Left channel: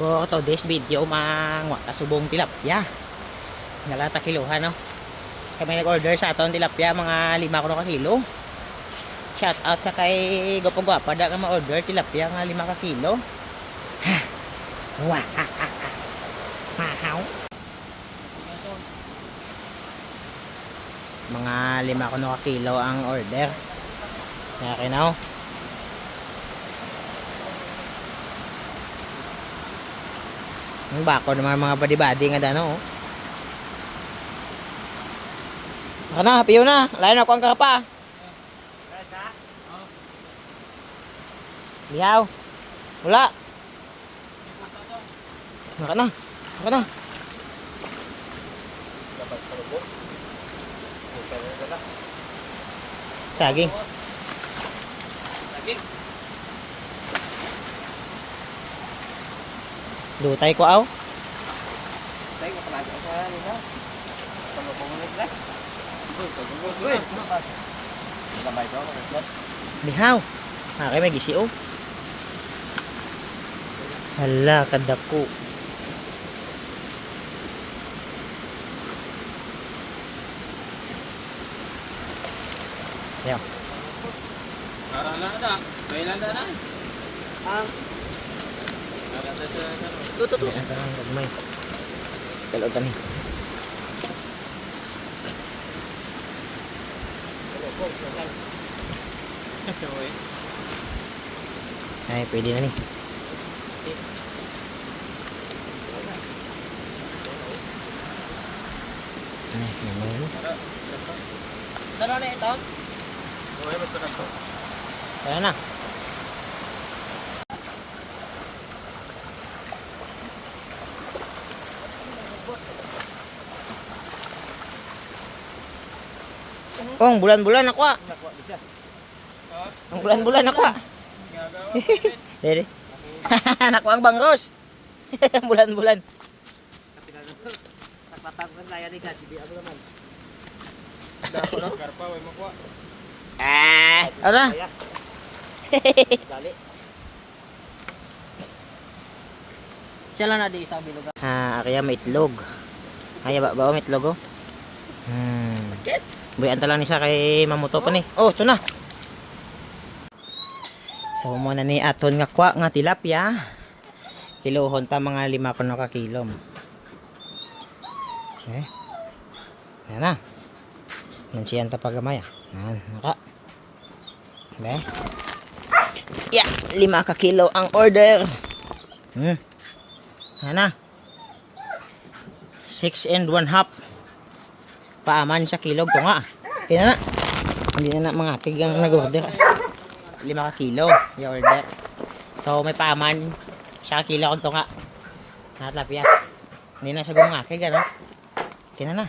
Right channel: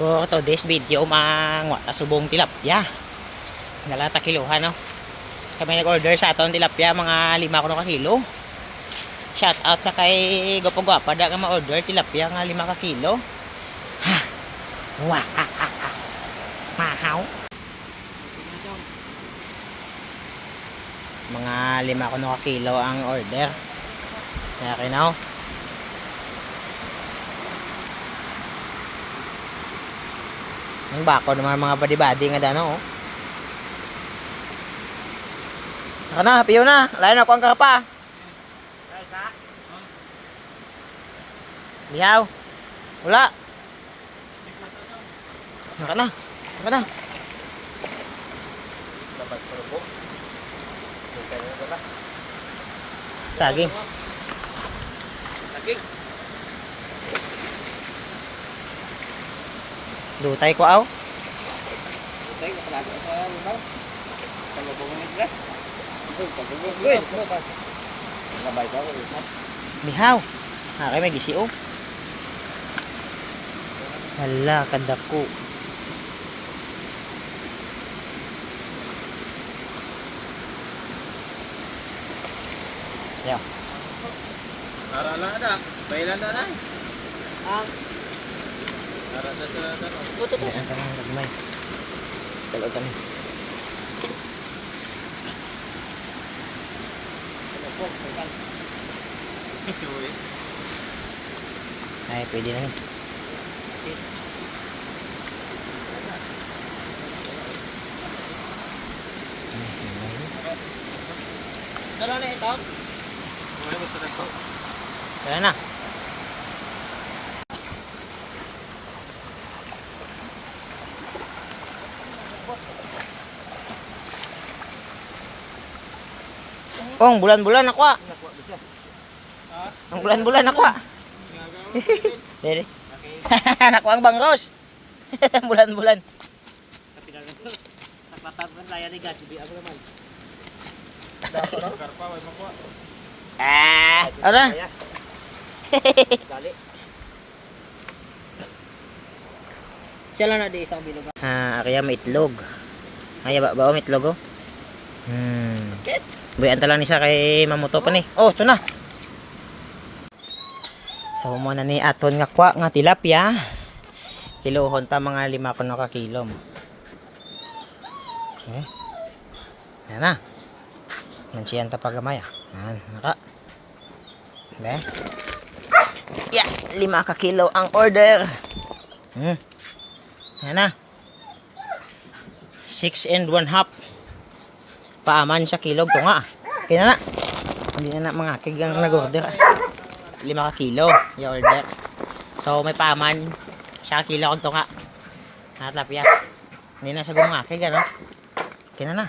For today's video, mga subong tilapia. Nalata kiluhan, no? Kami nag-order sa aton tilapia, mga 5 ka kilo. Shout out sa kay Gopong-gwapa da nga ma-order tilapia nga 5 ka kilo. Ha! Wah! Ha! Ha! Ha! Mahaw! Mga 5 ka kilo ang order. Kaya kinaw. Ang bako naman mga badi-badi nga dano, oh. Saka na, piyo na. Layo na ako ang karapa. Liyaw. Wala. Saka na. Saka na. Saging. Saging. Dutay ko aw. Dutay ko palago sa iba. Palubong mo ba? Lihaw. Kay may gisiyo. Hala, kadako. Ya. Arala ada. Bailan na. Arala sa ano. Tutu. Ang tanang gagmay. Kalau kami. Ay, pwede na ni. Dala na ito. Okay, basta na ko. Tara na. Oh, ang bulan-bulan ako ah. Ang bulan-bulan ako ah. Dere. Nakuha ang bangros. Bulan-bulan. Ah, ano? Sila na di isang bilog. Kaya may itlog. Ay, ba may itlog oh. Buyan lang ni siya kay mamuto pa ni. Oh, ito na. So, muna ni aton nga kwa nga tilapia. Kilohon ta mga 5 kuno ka kilo. Okay. Yan na. Mansiyan ta pagamay. Yan, naka. Okay. Yeah, 5 ka kilo ang order. Yan na. 6 and 1/2. Paaman sa kilog to nga. Kaya na. Hindi na mga kigang nag-order. 5 ka kilo yung order. So may paaman sa kilo kung to nga. Natlapya. Hindi na sabi mga kig, ano? Kaya na.